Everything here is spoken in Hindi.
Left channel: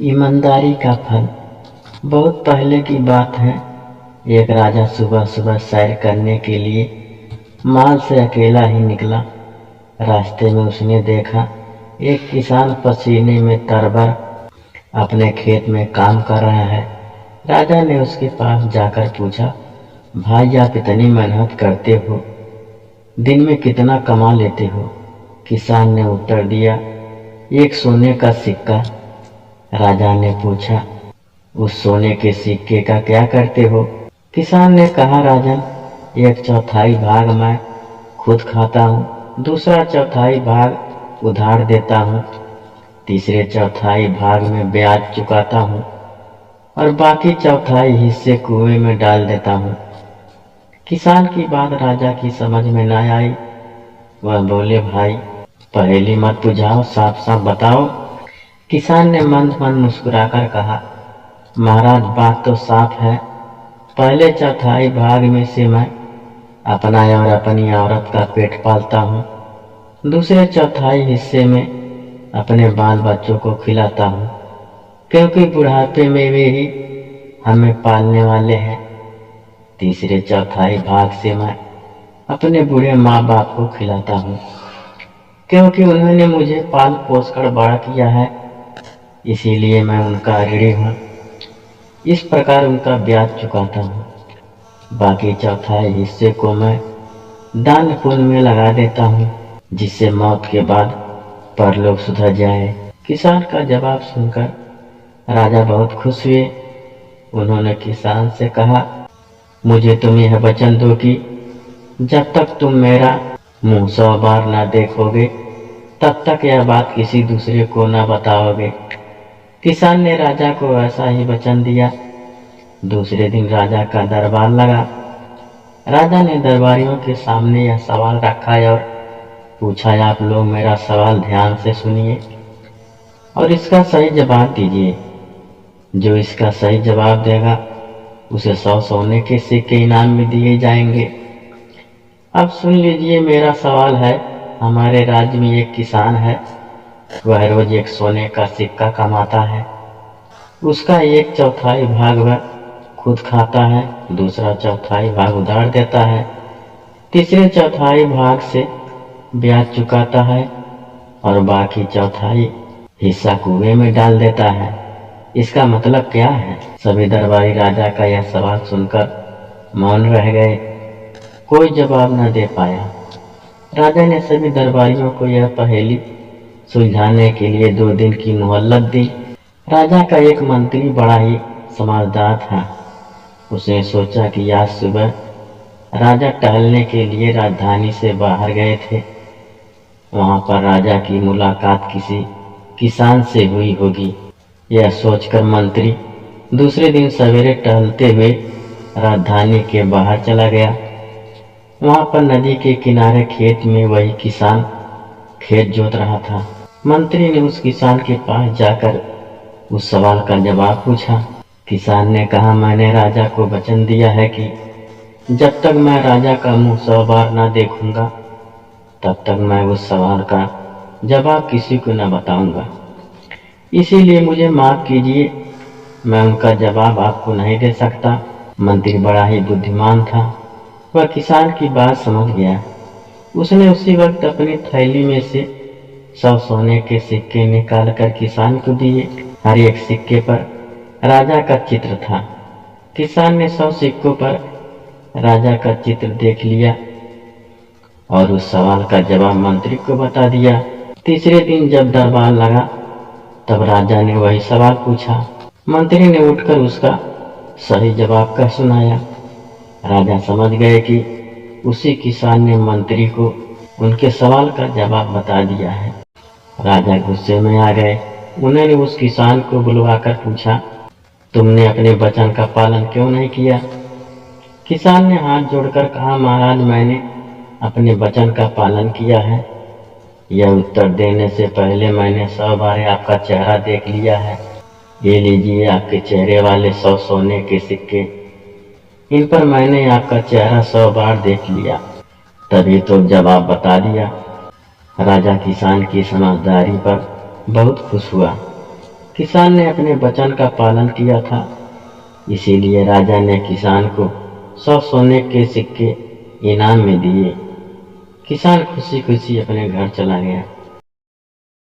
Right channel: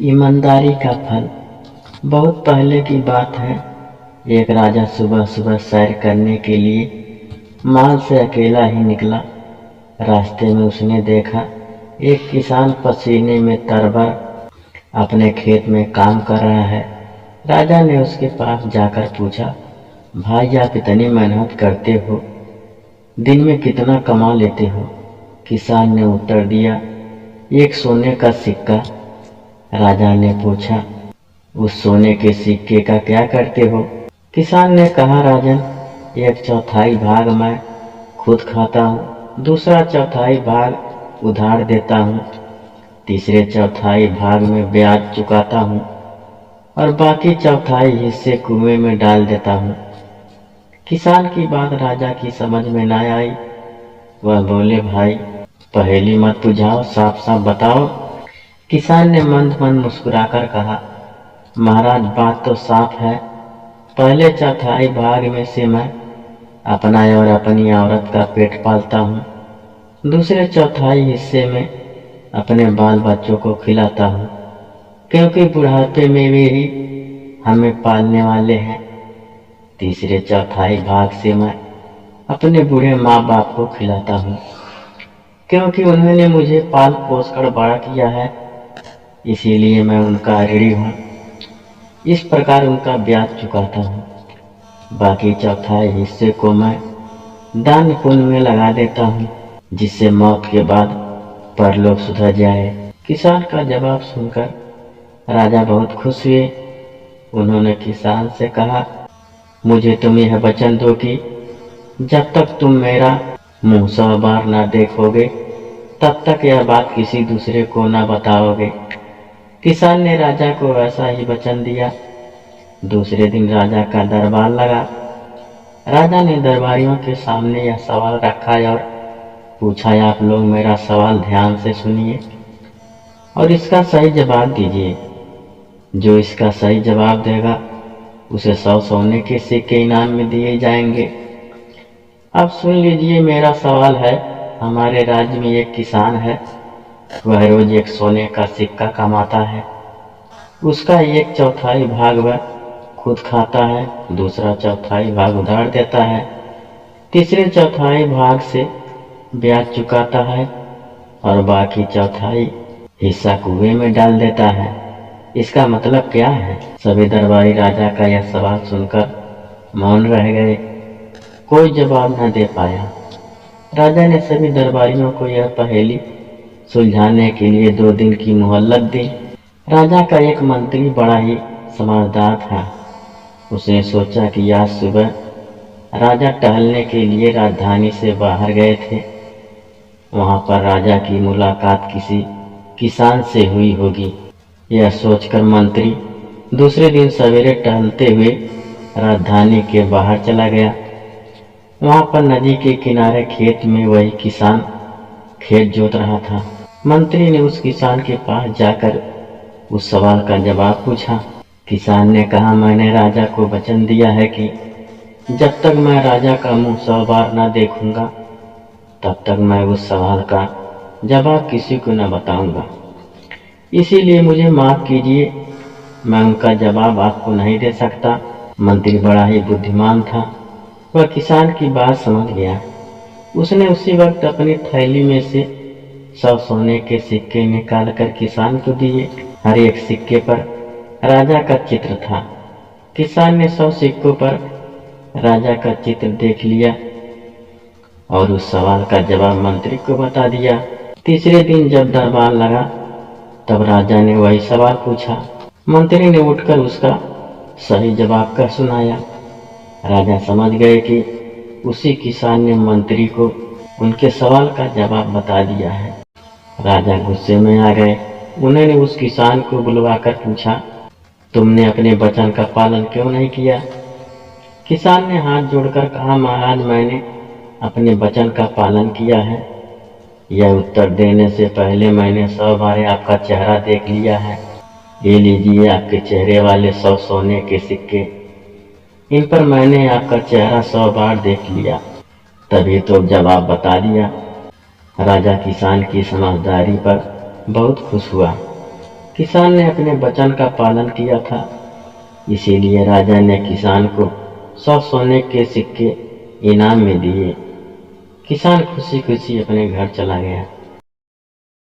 ईमानदारी का फल। बहुत पहले की बात है। एक राजा सुबह सुबह सैर करने के लिए महल से अकेला ही निकला। रास्ते में उसने देखा एक किसान पसीने में तरबतर अपने खेत में काम कर रहा है। राजा ने उसके पास जाकर पूछा, भाई आप इतनी मेहनत करते हो, दिन में कितना कमा लेते हो? किसान ने उत्तर दिया, एक सोने का सिक्का। राजा ने पूछा, उस सोने के सिक्के का क्या करते हो? किसान ने कहा, राजन, एक चौथाई भाग मैं खुद खाता हूँ, दूसरा चौथाई भाग उधार देता हूँ, तीसरे चौथाई भाग में ब्याज चुकाता हूँ और बाकी चौथाई हिस्से कुएं में डाल देता हूँ। किसान की बात राजा की समझ में न आई। वह बोले, भाई पहेली मत बुझाओ, साफ साफ बताओ। किसान ने मंद मंद मुस्कुराकर कहा, महाराज बात तो साफ है। पहले चौथाई भाग में से मैं अपना और अपनी औरत का पेट पालता हूँ, दूसरे चौथाई हिस्से में अपने बाल बच्चों को खिलाता हूँ, क्योंकि बुढ़ापे में वे ही हमें पालने वाले हैं। तीसरे चौथाई भाग से मैं अपने बूढ़े माँ बाप को खिलाता हूँ, क्योंकि उन्होंने मुझे पाल पोस कर बड़ा किया है, इसीलिए मैं उनका ऋणी हूँ। इस प्रकार उनका ब्याज चुकाता हूँ। बाकी चौथाई हिस्से को मैं दान पुण्य में लगा देता हूँ, जिससे मौत के बाद परलोक सुधर जाए। किसान का जवाब सुनकर राजा बहुत खुश हुए। उन्होंने किसान से कहा, मुझे तुम यह वचन दो कि जब तक तुम मेरा मुंह 100 बार ना देखोगे, तब तक यह बात किसी दूसरे को ना बताओगे। किसान ने राजा को ऐसा ही वचन दिया। दूसरे दिन राजा का दरबार लगा। राजा ने दरबारियों के सामने यह सवाल रखा और पूछा, आप लोग मेरा सवाल ध्यान से सुनिए और इसका सही जवाब दीजिए। जो इसका सही जवाब देगा उसे 100 सोने के सिक्के इनाम में दिए जाएंगे। अब सुन लीजिए, मेरा सवाल है। हमारे राज्य में एक किसान है, वह रोज एक सोने का सिक्का कमाता है। उसका एक चौथाई भाग वह खुद खाता है, दूसरा चौथाई भाग उधार देता है, तीसरे चौथाई भाग से ब्याज चुकाता है और बाकी चौथाई हिस्सा कुएं में डाल देता है। इसका मतलब क्या है? सभी दरबारी राजा का यह सवाल सुनकर मौन रह गए। कोई जवाब न दे पाया। राजा ने सभी दरबारियों को यह पहेली सुलझाने के लिए 2 दिन की मोहलत दी। राजा का एक मंत्री बड़ा ही समझदार था। उसने सोचा कि आज सुबह राजा टहलने के लिए राजधानी से बाहर गए थे। वहां पर राजा की मुलाकात किसी किसान से हुई होगी। यह सोचकर मंत्री दूसरे दिन सवेरे टहलते हुए राजधानी के बाहर चला गया। वहां पर नदी के किनारे खेत में वही किसान खेत जोत रहा था। मंत्री ने उस किसान के पास जाकर उस सवाल का जवाब पूछा। किसान ने कहा, मैंने राजा को वचन दिया है कि जब तक मैं राजा का मुंह 100 बार न देखूंगा, तब तक मैं उस सवाल का जवाब किसी को न बताऊंगा। इसीलिए मुझे माफ कीजिए, मैं उनका जवाब आपको नहीं दे सकता। मंत्री बड़ा ही बुद्धिमान था। वह किसान की बात समझ गया। उसने उसी वक्त अपनी थैली में से 100 सोने के सिक्के निकालकर किसान को दिए। हर एक सिक्के पर राजा का चित्र था। किसान ने 100 सिक्कों पर राजा का चित्र देख लिया और उस सवाल का जवाब मंत्री को बता दिया। तीसरे दिन जब दरबार लगा, तब राजा ने वही सवाल पूछा। मंत्री ने उठकर उसका सही जवाब कह सुनाया। राजा समझ गए कि उसी किसान ने मंत्री को उनके सवाल का जवाब बता दिया है। राजा गुस्से में आ गए। उन्होंने उस किसान को बुलवाकर पूछा, तुमने अपने वचन का पालन क्यों नहीं किया? किसान ने हाथ जोड़कर कहा, महाराज मैंने अपने वचन का पालन किया है। यह उत्तर देने से पहले मैंने 100 बार आपका चेहरा देख लिया है। ये लीजिए आपके चेहरे वाले 100 सोने के सिक्के। इन पर मैंने आपका चेहरा 100 बार देख लिया, तभी तो जवाब बता दिया। राजा किसान की समझदारी पर बहुत खुश हुआ। किसान ने अपने वचन का पालन किया था, इसीलिए राजा ने किसान को 100 सोने के सिक्के इनाम में दिए। किसान खुशी खुशी अपने घर चला गया।